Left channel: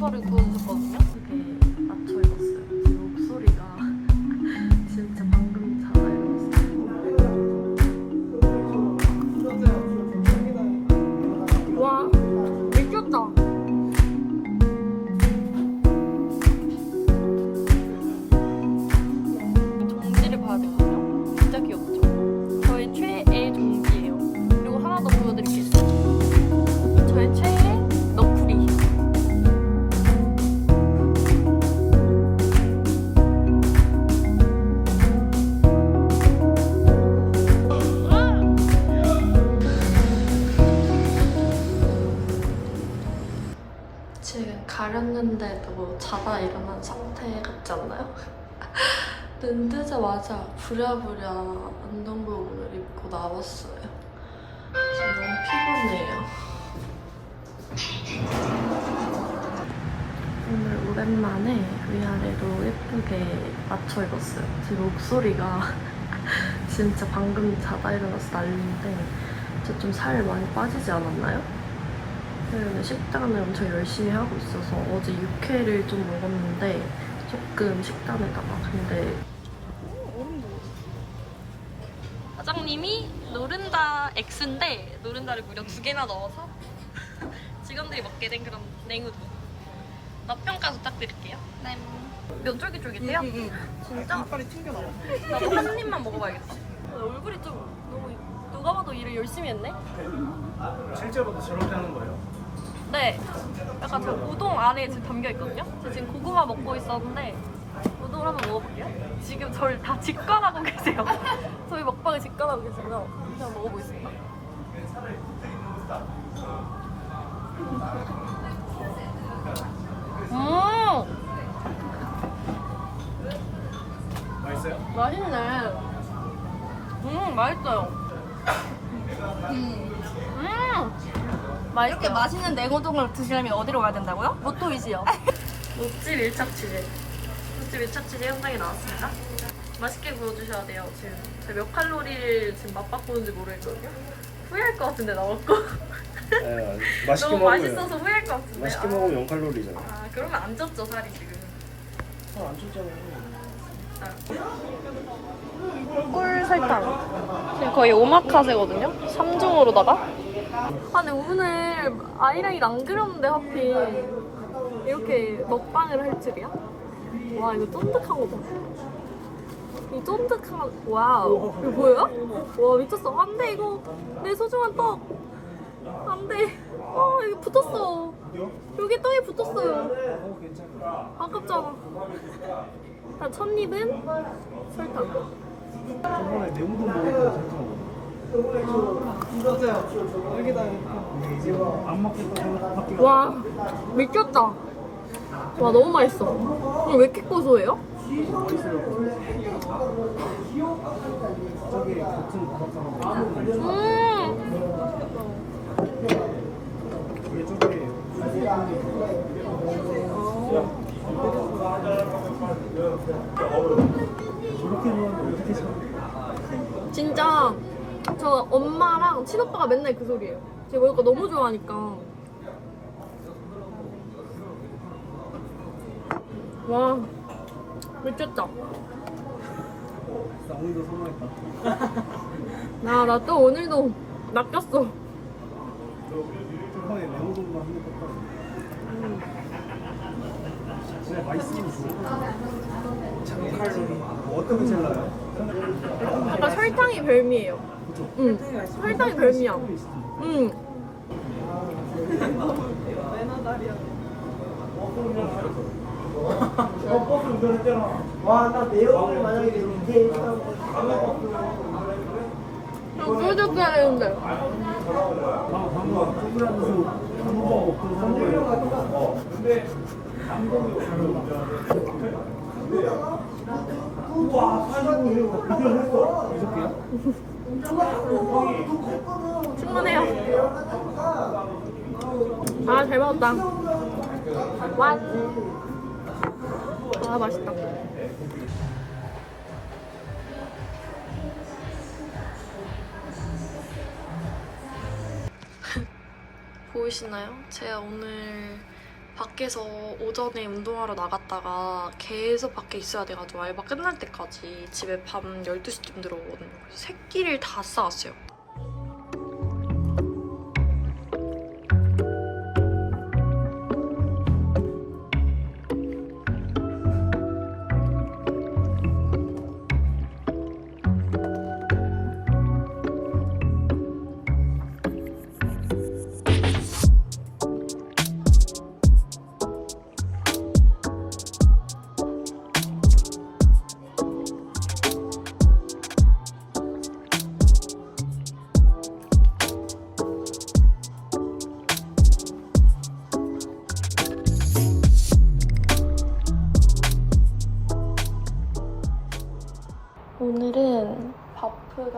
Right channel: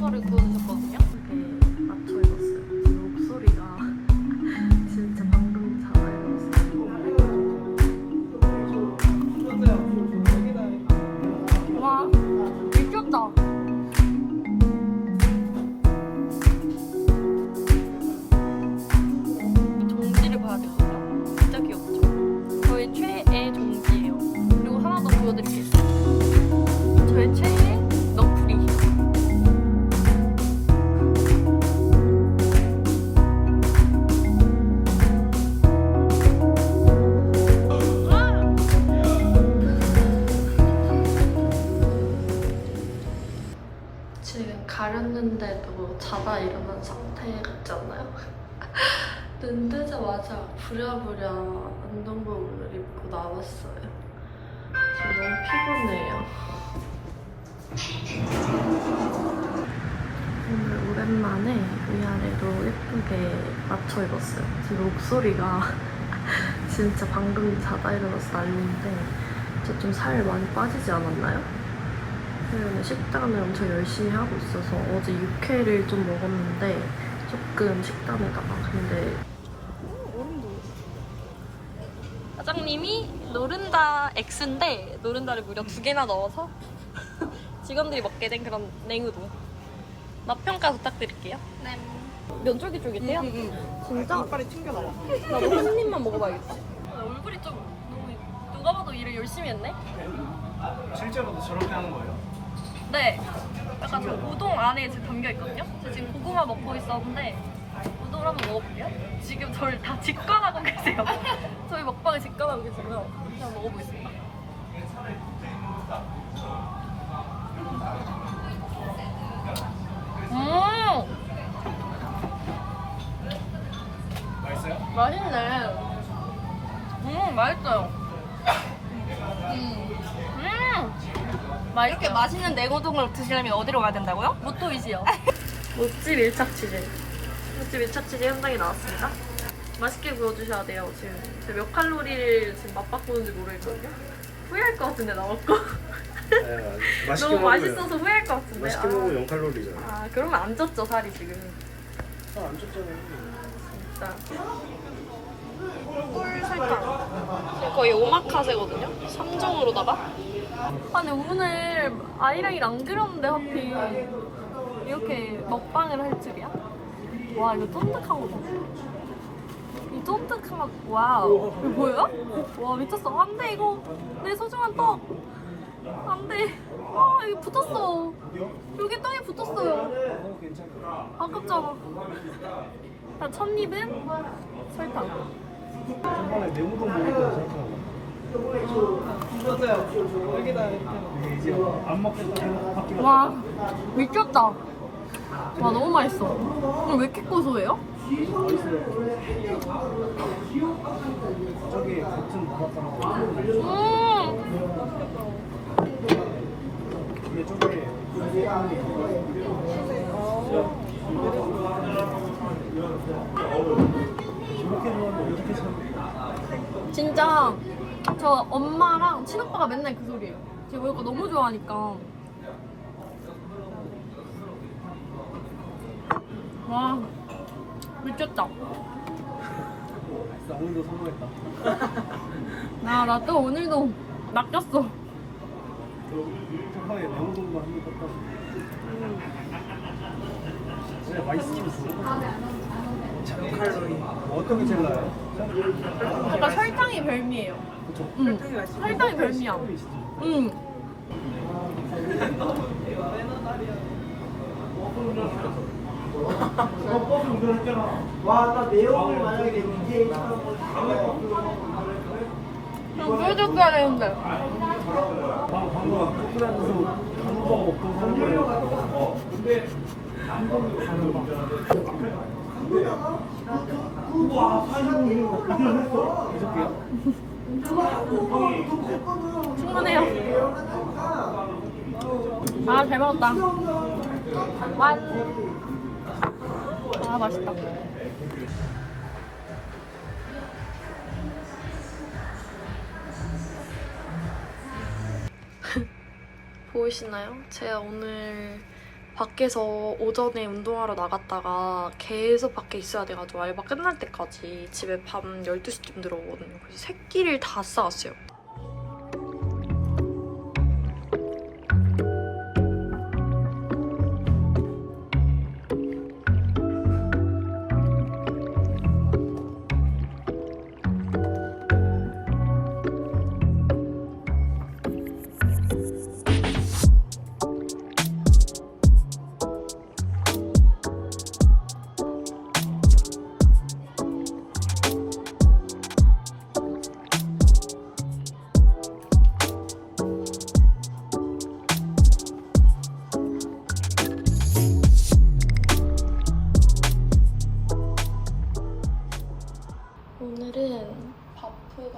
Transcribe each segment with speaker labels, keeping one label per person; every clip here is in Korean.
Speaker 1: 삼겹살을 구워 가렸는데도 자다 일어난 상태 같지 않나요? 눈 뜨자마자 부랴부랴 운동복을 입고 나왔어요. 지금 너무 피곤해요. 오늘 오랜만에 위아래로 예쁘게 맞춰 입었어요. 지금 목소리가 진짜 방금 자다 일어나서 난리인데 저 좀 살 많이 빠지지 않았나요? 최근에 식단을 엄청 열심히 하고 있어서 어제 육회를 좀 먹었는데 조금 식단에다가 근데 사장님이 노른다 X인데 노른다를 무려 두 개나 넣어서 직원들이 먹게 된 그런 냉우도 맛 평가 부탁드릴게요. 네. 면 쫄깃쫄깃해요? 진짜?
Speaker 2: 이빨이 튕겨 나와.
Speaker 1: 나도 한 입만 먹어봐야겠지. 아, 얼굴이 좀 너무 누가 봐도 일을 열심히 했네.
Speaker 2: 실제로도 저렇게 하는 거예요?
Speaker 1: 네. 약간 저 우동 안에 지금 담겨 있거든요. 저 지금 고구마 먹고 있었는데 우동을 한번 먹어볼게요. 지금 저를 다 직관하고 계세요. 저희 먹방을 직관하고 계시고요. 그냥 먹어보겠습니다. 음,
Speaker 2: 맛있어요?
Speaker 1: 맛있네. 음, 맛있어요. 음, 맛있어요.
Speaker 3: 이렇게 맛있는 냉우동을 드시려면 어디로 가야 된다고요?
Speaker 1: 모토이지요. 모찌 밀착치즈. 모찌 밀착치즈 현장에 나왔습니다. 맛있게 구워주셔야 돼요. 지금 제가 몇 칼로리를 지금 맛바꾸는지 모르겠거든요. 후회할 것 같은데 나 먹고.
Speaker 2: 네, 맛있게
Speaker 1: 너무
Speaker 2: 먹으면
Speaker 1: 맛있어서 후회할 것 같은데.
Speaker 2: 맛있게
Speaker 1: 아.
Speaker 2: 먹으면 0 칼로리잖아.
Speaker 1: 아 그러면 안 쪘죠 살이 지금.
Speaker 2: 살안 쪘잖아.
Speaker 1: 진짜. 꿀 설탕. 지금 거의 오마카세거든요. 3종으로다가. 아 근데 오늘 아이라인 안 그렸는데 하필 이렇게 먹방을 할 줄이야? 와 이거 쫀득한 거 봐. 이 쫀득한 와우 이거 뭐야? 와 미쳤어 안 돼 이거 내 소중한 떡 안 돼 아 이게 붙었어 여기 떡이 붙었어요 아깝잖아 자, 첫 입은 설탕. 와 미쳤다 와 너무 맛있어 왜 이렇게 고소해요? 음 진짜 저 엄마랑 친오빠가 맨날 그 소리예요. 제가 이거 너무 좋아하니까. 와 미쳤다. 나 나 또 오늘도 낚였어.
Speaker 2: 어 떻게 생각해요?
Speaker 1: 약간 설탕이 별미예요. 응. 설탕이 별미야. 응.
Speaker 4: 와나 매운 만약에 내 밑에 있던
Speaker 1: 좀 쫄깃해야 되는데. 충분해요. 아, 잘 먹었다. 완. 아, 맛있다. 보이시나요? 제가 오늘 밖에서 오전에 운동하러 나갔다가 계속 밖에 있어야 돼가지고 알바 끝날 때까지 집에 밤 12시쯤 들어오거든요. 그래서 새끼를 다 싸왔어요.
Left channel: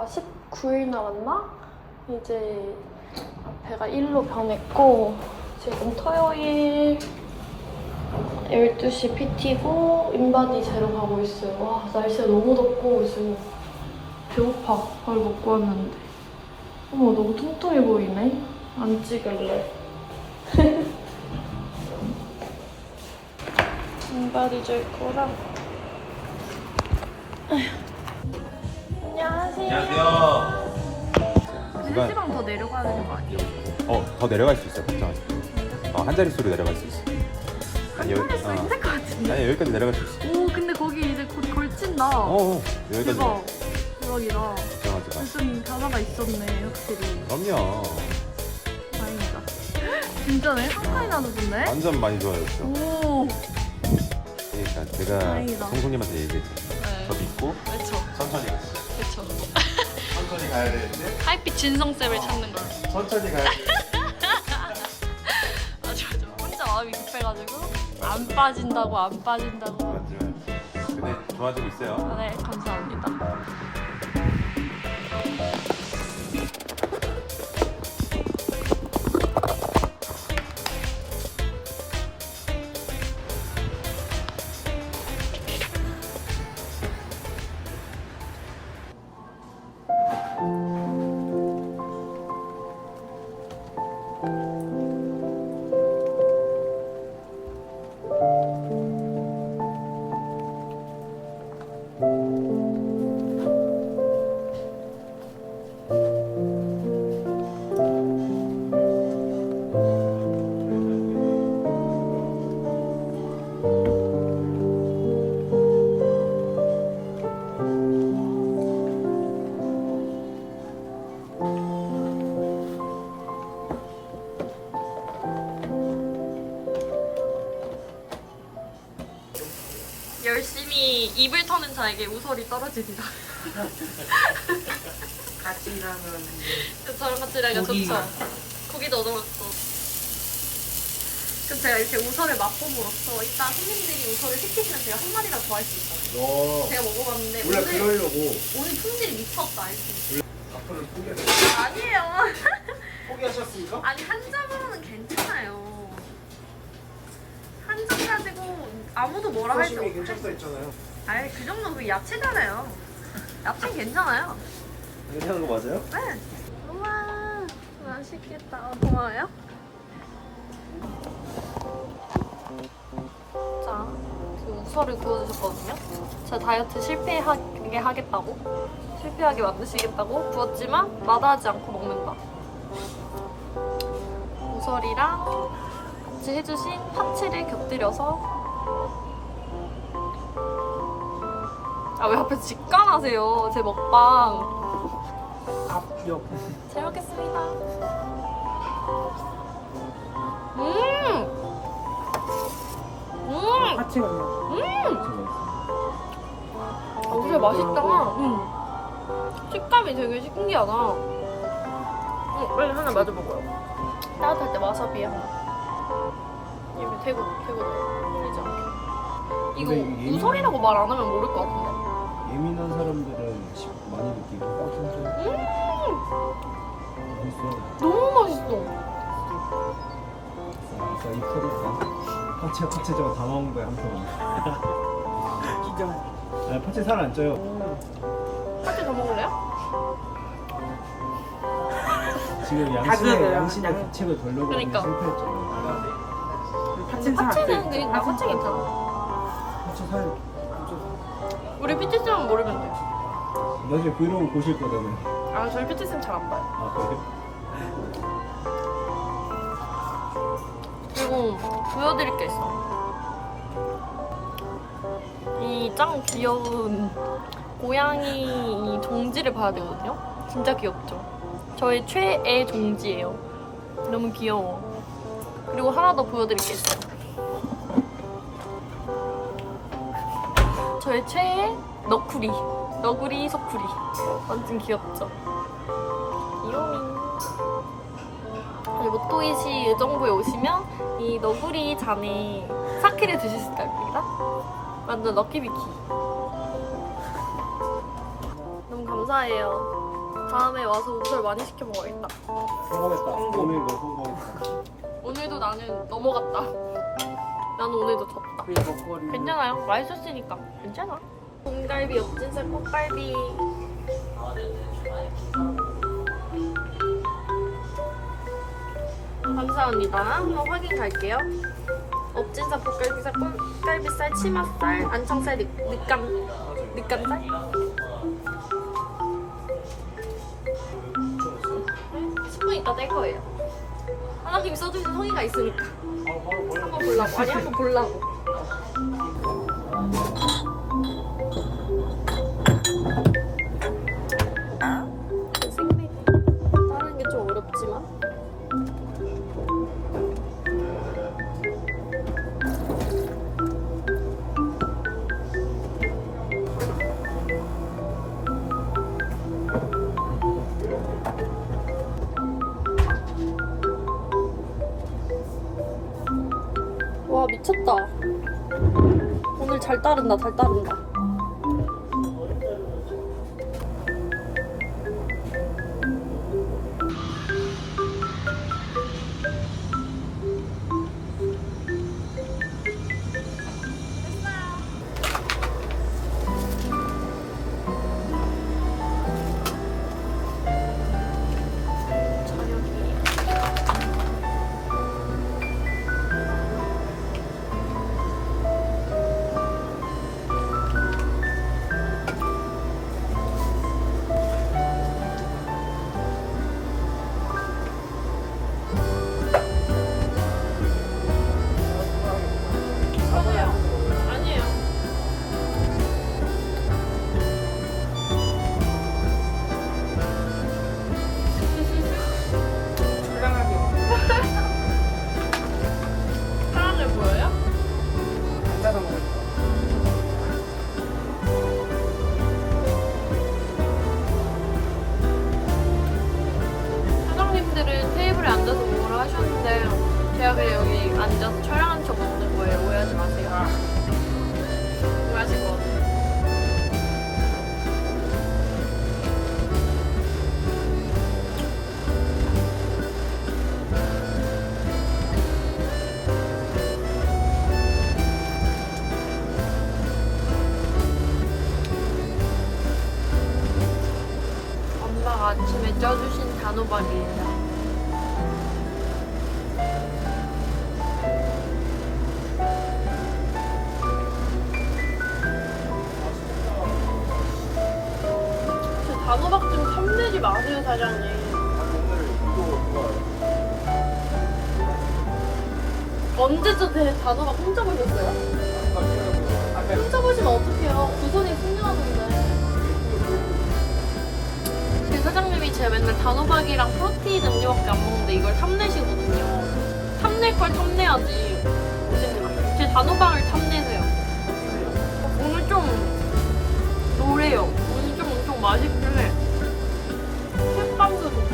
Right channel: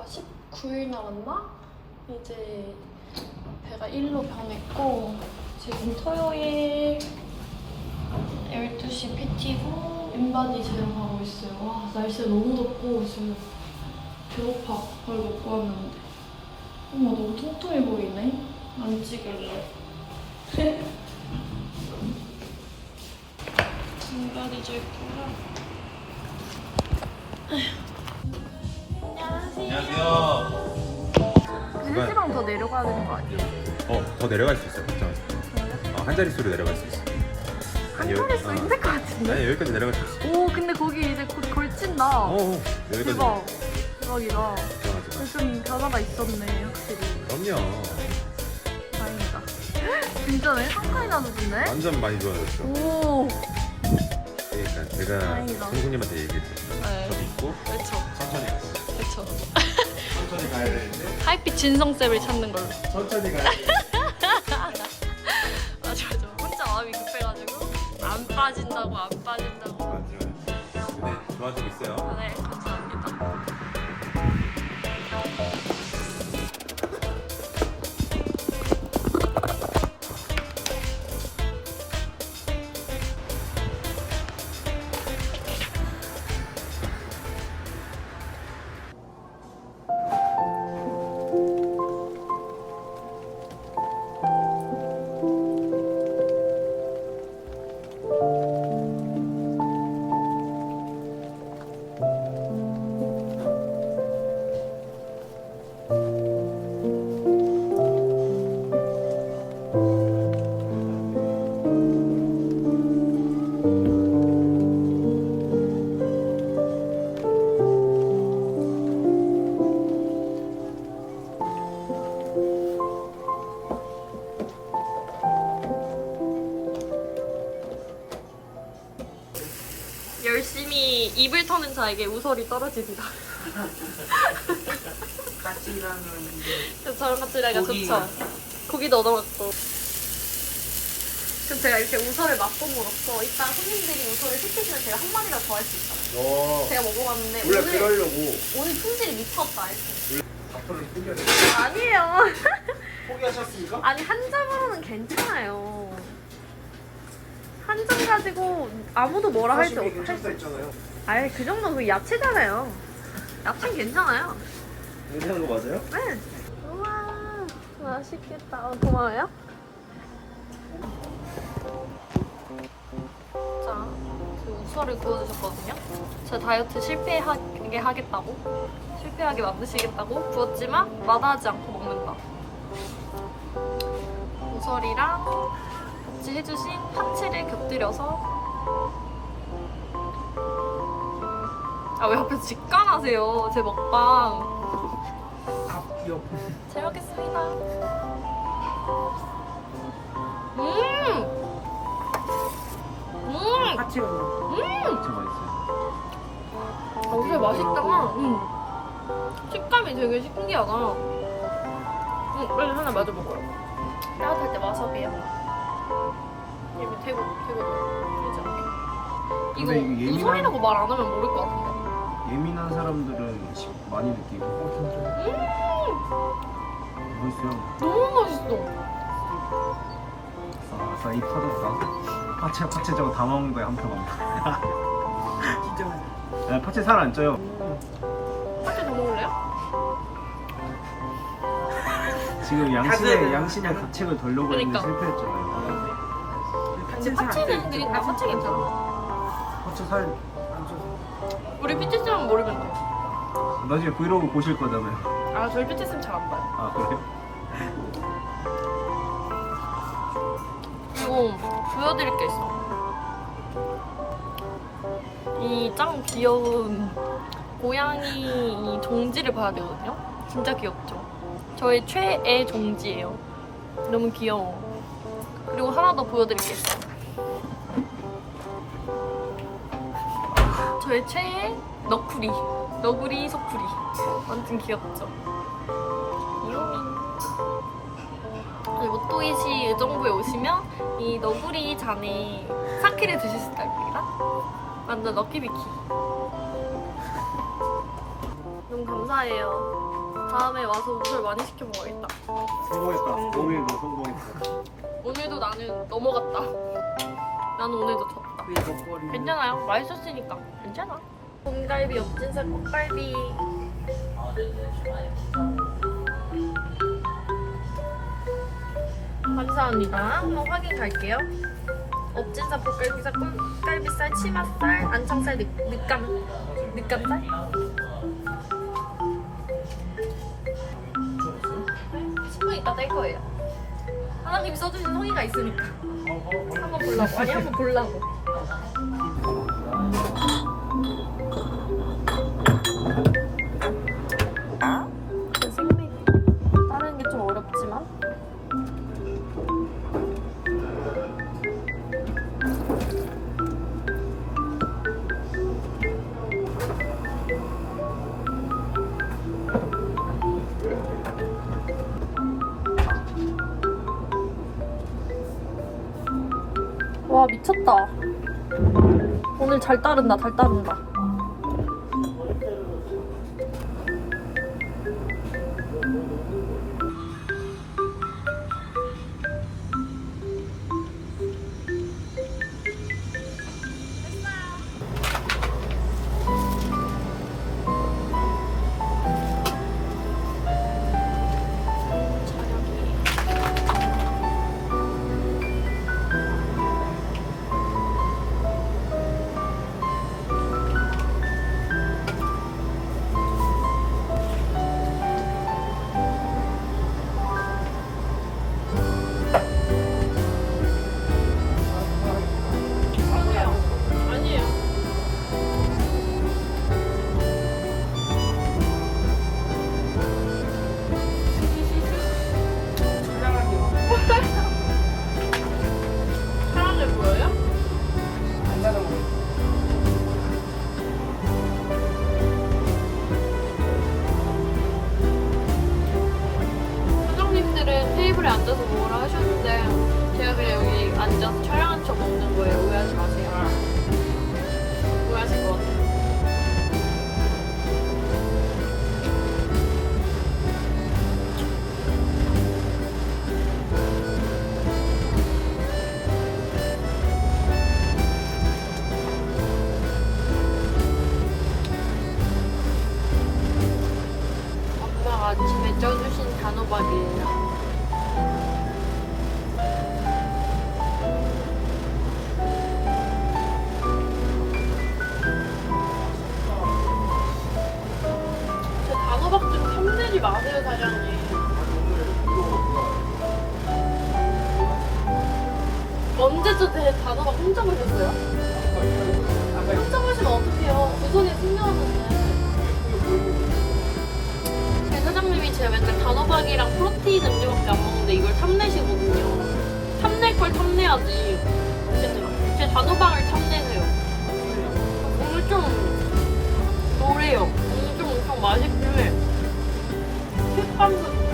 Speaker 1: 바프가 19일 남았나? 이제 배가 1로 변했고 지금 토요일 12시 PT고 인바디 제로 가고 있어요. 와 날씨가 너무 덥고 지금 배고파. 밥 먹고 왔는데 어머 너무 통통해 보이네. 안 찍을래. 인바디 줄 거랑
Speaker 5: 누가-
Speaker 1: 1시간 더 내려가야 되는 거 아니에요?
Speaker 5: 어, 더 내려갈 수 있어. 걱정하지 마. 어, 한 자릿수로 내려갈 수 있어.
Speaker 1: 한
Speaker 5: 아니,
Speaker 1: 자릿수
Speaker 5: 어.
Speaker 1: 힘들 것 같은데?
Speaker 5: 아니, 여기까지 내려갈 수 있어.
Speaker 1: 오 근데 거기 이제 곧 걸친다
Speaker 5: 어, 어. 여기까지.
Speaker 1: 대박 대박이다
Speaker 5: 걱정하지 마.
Speaker 1: 좀 변화가 있었네 확실히
Speaker 5: 그럼요.
Speaker 1: 다행이다 진짜네? 한 칸이나 늦었네?
Speaker 5: 완전 많이 좋아졌어.
Speaker 1: 오
Speaker 5: 그러니까 제가
Speaker 1: 다행이다.
Speaker 5: 송송님한테 얘기했죠.
Speaker 1: 네.
Speaker 5: 저 믿고
Speaker 1: 그렇죠
Speaker 5: 천천히 갔어. 천천히 가야 되는데
Speaker 1: 하이빛 진성쌤을 찾는 걸로
Speaker 5: 천천히 가야 돼.
Speaker 1: 맞아 맞아 혼자 마음이 급해가지고 안 빠진다고 안 빠진다고.
Speaker 5: 근데 좋아지고 있어요.
Speaker 1: 아, 네 감사합니다 자에게 우설이 떨어집니다.
Speaker 2: 같이 일하면
Speaker 1: 저랑 같이
Speaker 2: 고기.
Speaker 1: 좋죠. 고기도 얻어먹고. 그럼 제가 이렇게 우설을 맛봄으로써 이따 손님들이 우설을 시키시면 제가 한 마리라도 더 할 수 있잖아요.
Speaker 2: 너
Speaker 1: 제가 먹어봤는데
Speaker 2: 원래
Speaker 1: 오늘,
Speaker 2: 그러려고
Speaker 1: 오늘 품질이 미쳤다 이렇게.
Speaker 2: 앞으로 포기하셨
Speaker 1: 아니에요.
Speaker 2: 포기하셨습니까?
Speaker 1: 아니 한 장으로는 괜찮아요. 한장 가지고 아무도 뭐라 할지
Speaker 2: 사실
Speaker 1: 없
Speaker 2: 괜찮다 했잖아요.
Speaker 1: 아니 그 정도는 그 야채잖아요. 야채는 괜찮아요.
Speaker 2: 괜찮은 거 맞아요?
Speaker 1: 네. 우와 맛있겠다. 어, 고마워요. 자, 그 우설을 구워주셨거든요. 제가 다이어트 실패하게 하겠다고, 실패하게 만드시겠다고 구웠지만 마다하지 않고 먹는다. 우설이랑 같이 해주신 파채를 곁들여서 아 왜 앞에서 직관하세요? 제 먹방.
Speaker 2: 밥요.
Speaker 1: 잘 먹겠습니다. 음! 음!
Speaker 2: 파티가
Speaker 1: 음! 아, 우설 맛있다. 음. 식감이 되게 신기하다. 음, 빨리 하나 마저 먹어요. 따뜻할 때 와사비야. 이거 되고, 되고, 되지 않게. 이거
Speaker 2: 근데 이게 예민한-
Speaker 1: 우설이라고 말 안 하면 모를 것 같은데.
Speaker 2: 많이 느끼고 어
Speaker 1: 음!
Speaker 2: 맛있어요.
Speaker 1: 너무 맛있어.
Speaker 2: 아싸 이 터졌다. 파채 파채 저거 다 먹은 거야 한표 간다. 진짜. 네, 파채 살 안 쪄요.
Speaker 1: 파채 더 먹을래요?
Speaker 2: 지금 양심의 양심의 가책을 돌려고 했는데
Speaker 1: 그러니까.
Speaker 2: 실패했잖아요.
Speaker 1: 근데 파채는 그러니까 파채 괜찮아.
Speaker 2: 파채 살
Speaker 1: 우리 PT쌤은 모르면 돼요.
Speaker 2: 나중에 브이로그 보실 거잖아요
Speaker 1: 아 저희 PT쌤 잘 안 봐요.
Speaker 2: 아 그래?
Speaker 1: 그리고 보여드릴 게 있어. 이 짱 귀여운 고양이 이 종지를 봐야 되거든요. 진짜 귀엽죠? 저의 최애 종지예요. 너무 귀여워. 그리고 하나 더 보여드릴 게 있어요. 저의 최애 너구리. 너구리 소쿠리. 완전 귀엽죠? 그리고 또이시 의정부에 오시면 이 너구리 잔에 사케를 드실 수 있답니다. 완전 럭키비키. 너무 감사해요. 다음에 와서 우설 많이 시켜 먹어야겠다.
Speaker 2: 성공했다 오늘도 성공했다
Speaker 1: 오늘도 나는 넘어갔다. 나는 오늘도 졌다. 괜찮아요. 맛있었으니까. 괜찮아. 곰갈비, 엽진살, 꽃갈비. 감사합니다. 한번 확인 갈게요. 엎진살, 볶갈비살, 꿀갈비살, 치맛살, 안청살, 늑, 늑감, 늑감살? 스푼 이따 뗄 거예요. 하나님이 써주신 성의가 있으니까. 한번 보려고. 아니, 한번 보려고. 잘 따른다 잘 따른다 단호박이에요. 제가 맨날 단호박이랑 프로테인 음료밖에 안 먹는데 이걸 탐내시거든요. 탐낼 걸 탐내야지. 어쨌든 제 단호박을 탐내세요. 오늘 좀 노래요. 오늘 좀 엄청 맛있긴 해. 색감도 좋고.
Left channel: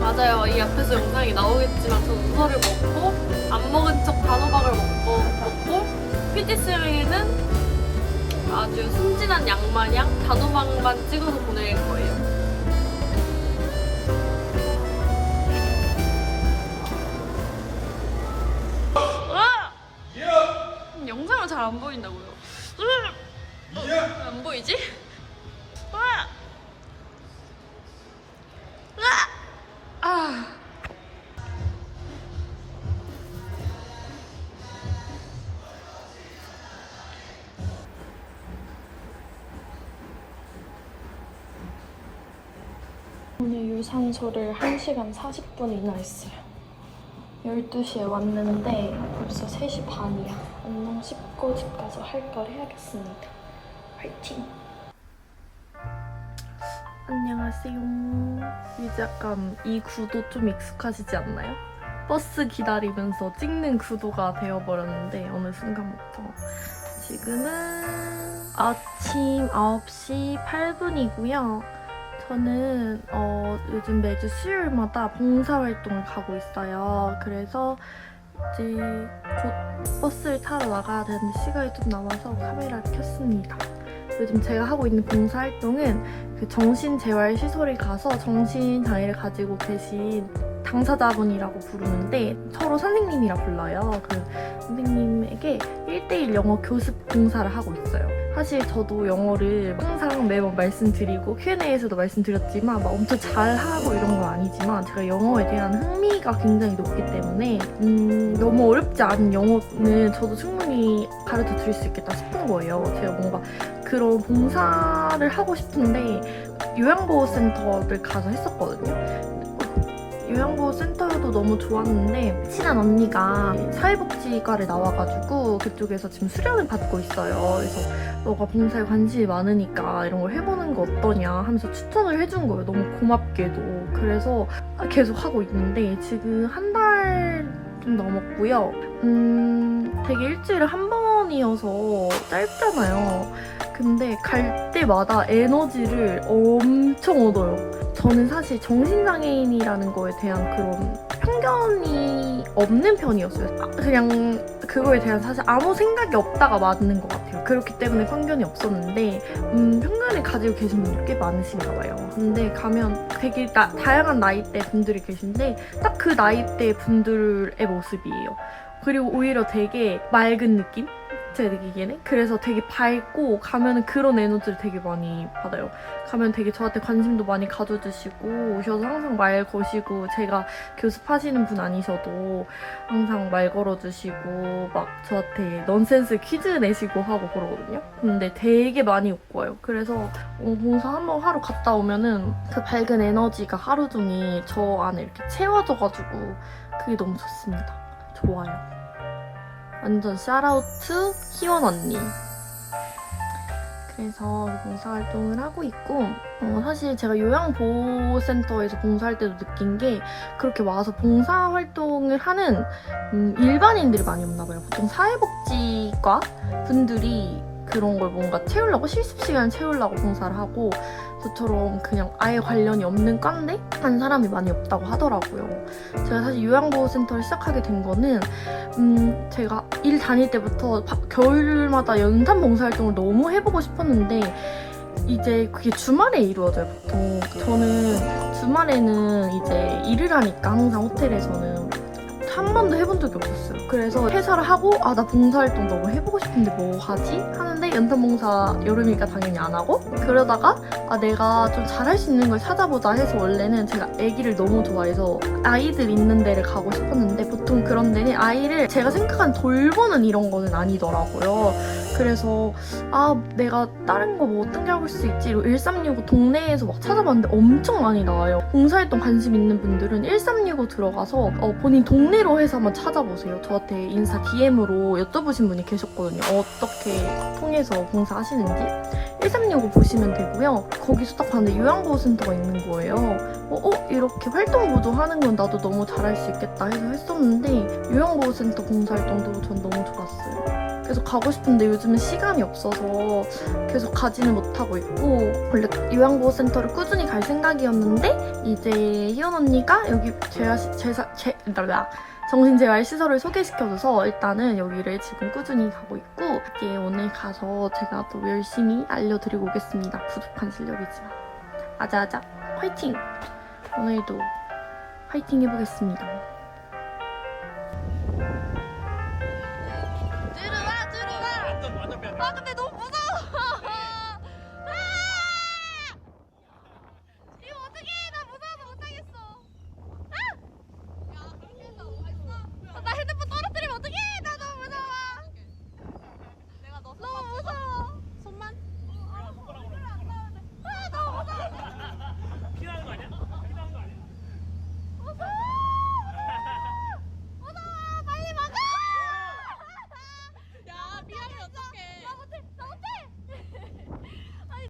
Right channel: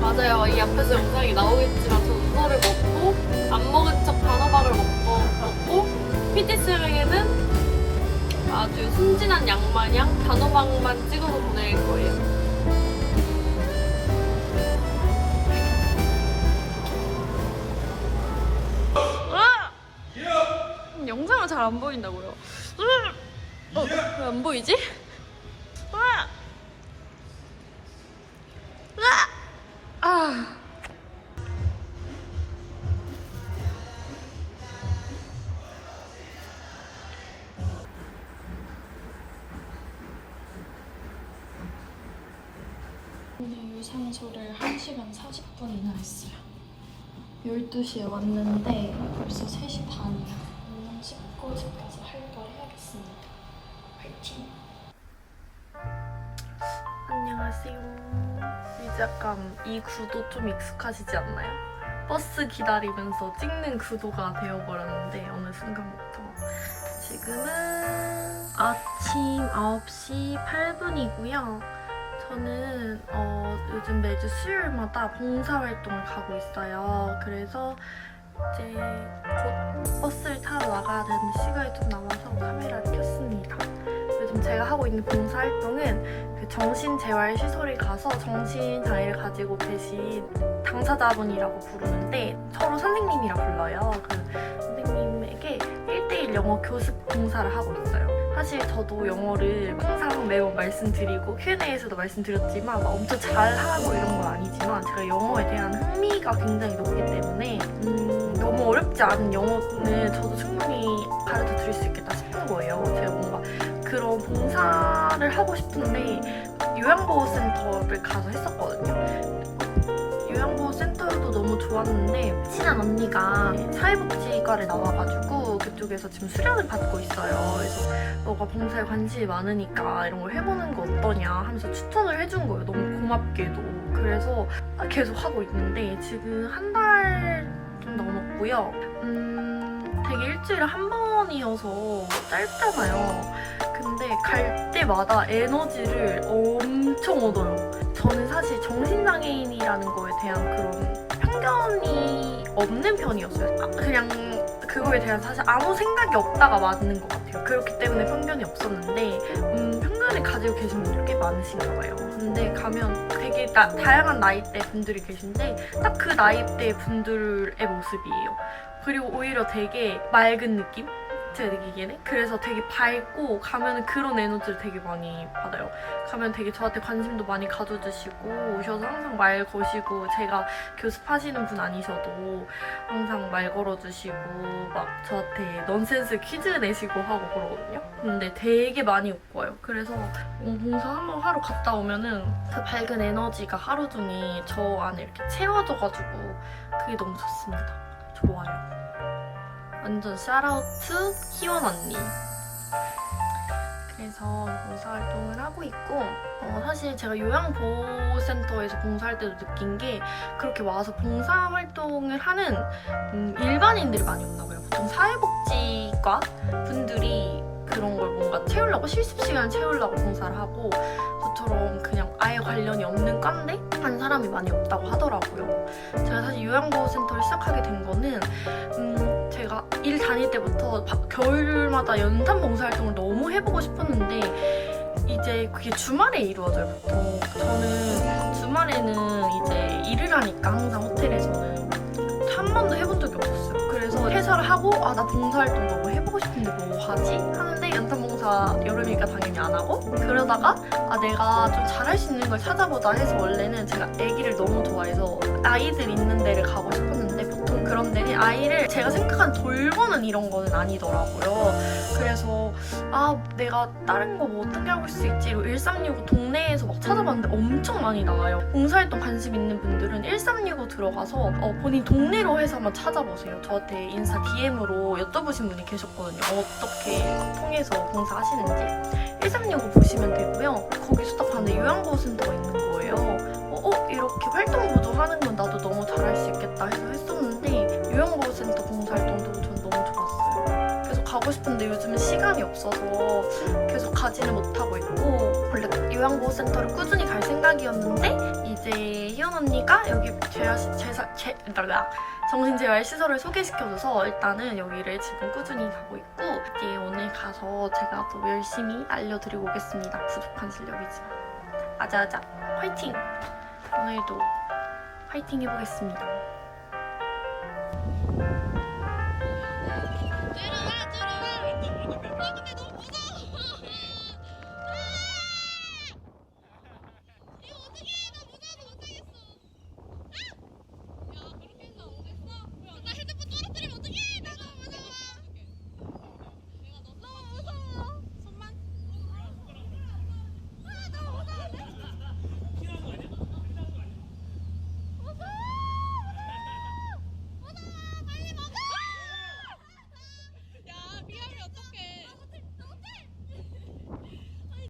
Speaker 1: 맞아요. 이 앞에서 영상이 나오겠지만 저 우설을 먹고 안 먹은 척 단호박을 먹고 먹고 PT스에게는 아주 순진한 양 마냥 단호박만 찍어서 보낼 거예요. 와! 영상은 잘안 보인다고요. 어, 왜 안 보이지? 오늘 유산소를 1시간 40분이나 했어요. 12시에 왔는데 벌써 3시 반이야. 얼른 씻고 집 가서 할 걸 해야겠습니다. 화이팅! 안녕하세요. 이제 약간 이 구도 좀 익숙하시지 않나요? 버스 기다리면서 찍는 구도가 되어버렸는데 어느 순간부터 지금은 아침 9시 8분이고요. 저는 어, 요즘 매주 수요일마다 봉사활동을 가고 있어요. 그래서 이제 곧 버스를 타러 나가야 되는데 시간이 좀 남아서 카메라를 켰습니다. 요즘 제가 하고 있는 봉사활동은 그 정신재활시설에 가서 정신장애를 가지고 계신 당사자분이라고 부르는데 서로 선생님이라 불러요. 그 선생님에게 1대1 영어 교습 봉사를 하고 있어요. 사실 저도 영어를 항상 매번 말씀드리고 Q&A에서도 말씀드렸지만 막 엄청 잘하고 이런 건 아니지만 제가 영어에 대한 흥미가 굉장히 높기 때문에 음, 너무 어렵지 않은 영어는 저도 충분히 가르쳐 드릴 수 있겠다 싶은 거예요. 제가 뭔가 그런 봉사를 하고 싶은데 요양보호센터를 가서 했었거든요. 요양보호센터도 너무 좋았는데 친한 언니가 사회복지과를 나와가지고 그쪽에서 지금 수련을 받고 있어요. 그래서 너가 봉사에 관심이 많으니까 이런 걸 해보는 거 어떠냐 하면서 추천을 해준 거예요. 너무 고맙게도. 그래서 계속 하고 있는데 지금 한 달 좀 넘었고요. 음, 되게 일주일에 한 번이어서 짧잖아요. 근데 갈 때마다 에너지를 엄청 얻어요. 저는 사실 정신장애인이라는 거에 대한 그런 편견이 없는 편이었어요. 아, 그냥 그거에 대한 사실 아무 생각이 없다가 맞는 것 같아요. 그렇기 때문에 편견이 없었는데 음, 편견을 가지고 계신 분들 꽤 많으신가 봐요. 근데 가면 되게 나- 다양한 나이대 분들이 계신데 딱 그 나이대 분들의 모습이에요. 그리고 오히려 되게 맑은 느낌? 제가 느끼기에는 그래서 되게 밝고 가면 그런 에너지를 되게 많이 받아요. 가면 되게 저한테 관심도 많이 가져주시고 오셔서 항상 말 거시고 제가 교습하시는 분 아니셔도 항상 말 걸어주시고 막 저한테 넌센스 퀴즈 내시고 하고 그러거든요. 근데 되게 많이 웃고 와요. 그래서 어, 봉사 한 번 하러 갔다 오면은 그 밝은 에너지가 하루 종일 저 안에 이렇게 채워져가지고 그게 너무 좋습니다. 좋아요. 완전 샤라우트 희원 언니. 그래서 봉사활동을 하고 있고 어, 사실 제가 요양보호센터에서 봉사할 때도 느낀 게 그렇게 와서 봉사활동을 하는 음, 일반인들이 많이 없나 봐요. 보통 사회복지과 분들이 그런 걸 뭔가 채우려고 실습 시간 채우려고 봉사를 하고 저처럼 그냥 아예 관련이 없는 과인데 한 사람이 많이 없다고 하더라고요. 제가 사실 요양보호센터를 시작하게 된 거는 음, 제가 일 다닐 때부터 바- 겨울마다 연탄 봉사활동을 너무 해보고 싶었는데 이제 그게 주말에 이루어져요 보통 저는 주말에는 이제 일을 하니까 항상 하고 아 나 봉사활동 너무 해보고 싶은데 뭐 하지? 하는데 연탄 봉사 여름이니까 당연히 안 하고 그러다가 아 내가 좀 잘할 수 있는 걸 찾아보자 해서 원래는 제가 아기를 너무 좋아해서 아이들 있는 데를 가고 싶었는데 보통 그런 데는 아이를 제가 생각한 돌보는 이런 거는 아니더라고요. 그래서 아 내가 다른 거 뭐 어떻게 하고 수 있지? 1365 동네에서 막 찾아봤는데 엄청 많이 나와요. 봉사활동 관심 있는 분들은 1365 들어가서 어, 본인 동네로 해서 한번 찾아보세요. 저한테 인스타 DM으로 여쭤보신 분이 계셨거든요. 어떻게 통해서 봉사하시는지. 1365 보시면 되고요. 딱 봤는데 요양보호센터가 있는 거예요. 어, 어, 이렇게 활동 보조 하는 건 나도 너무 잘할 수 있겠다 해서 했었는데 요양보호센터 봉사활동도. 계속 가고 싶은데 요즘은 시간이 없어서 계속 가지는 못하고 있고 원래 요양보호센터를 꾸준히 갈 생각이었는데 이제 희연 언니가 여기 재활 제사 제 랄라 정신재활 시설을 소개시켜줘서 일단은 여기를 지금 꾸준히 가고 있고 이제 오늘 가서 제가 또 열심히 알려드리고 오겠습니다. 부족한 실력이지만 아자아자 화이팅! 오늘도 화이팅 해보겠습니다. Welcome to